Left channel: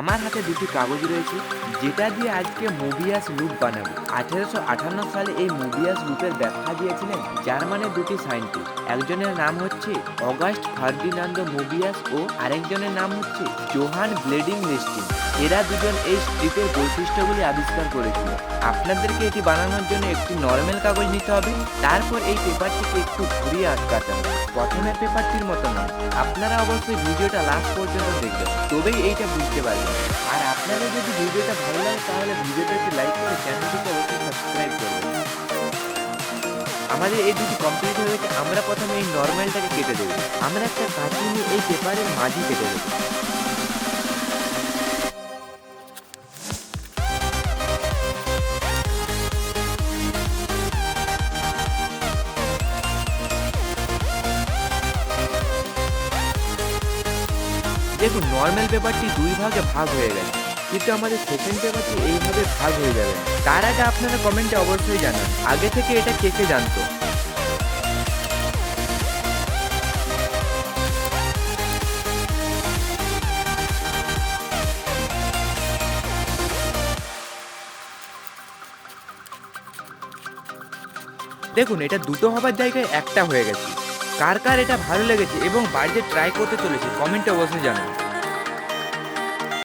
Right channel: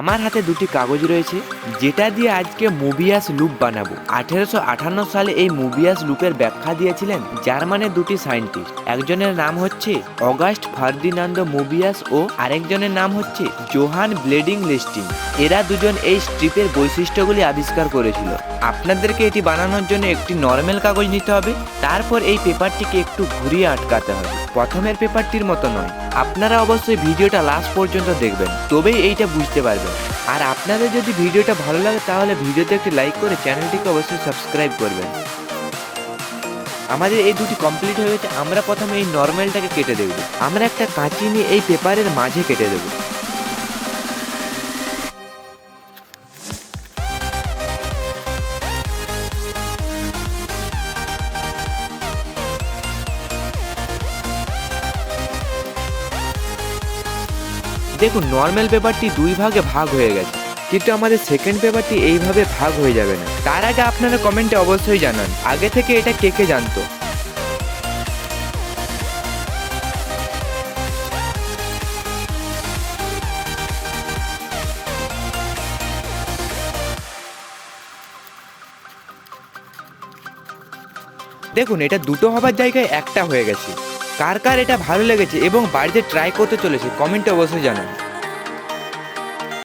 আমার হাতে দুটি কাগজ রয়েছে যেটা দিয়ে আজকে মোবিয়াস লুপ বানাবো। 1858 সালে এই মোবিয়াস লুপের ব্যাখ্যা দিয়েছিলেন জার্মানের দুটি সায়েন্টিস্ট। একজনের নাম হচ্ছে অগাস্ট ফার্দিনান্দো মোবিয়াস ও আরেকজনের নাম হচ্ছে জোহান ব্লেডিং লেস্টিং। এরা দুজন এই স্ট্রিপের বৈশিষ্ট্যগুলি আবিষ্কার করেছিল। আপনাদেরকে এটি বানানোর জন্য একটি নরমাল কাগজ নিতে হবে, তারপর এই পেপারটিকে একটু ঘুরিয়ে আটকাতে হবে। প্রথমের পেপারটির মতো নয়। আপনারা অবশ্যই ভিডিওটা লাস্ট পর্যন্ত দেখবেন, তবেই এইটা বুঝতে পারবেন। আর আপনাদের যদি ভিডিওটা ভালো লাগে তাহলে ভিডিওতে একটি লাইক করে চ্যানেলটিকে অবশ্যই সাবস্ক্রাইব করবেন। আমাদের এই দুটি কমপ্লিট হয়ে গেছে। আমরা প্রথমে এই নরমালটাকে কেটে দেবো। আমরা একটা কাঁচি নিয়ে এই পেপারের মাঝে কেটে দেবো। দেখুন, নর্মাল পেপারটি দুই ভাগে ভাগ হয়ে গেছে, কিন্তু আমাদের সেকেন্ড পেপারটি এইভাবে ভাগ হয়ে যাবে না। তার আগে আপনারা কমেন্টে অবশ্যই জানান আগে থেকে এটা কে কে জানতো। দেখুন, এটা দুটো হবার জায়গায় একটা হয়ে গেছে। কার কার এটা ভালো লেগেছে এবং বাড়িতে ট্রাই করতে চলেছে কমেন্টে অবশ্যই জানান।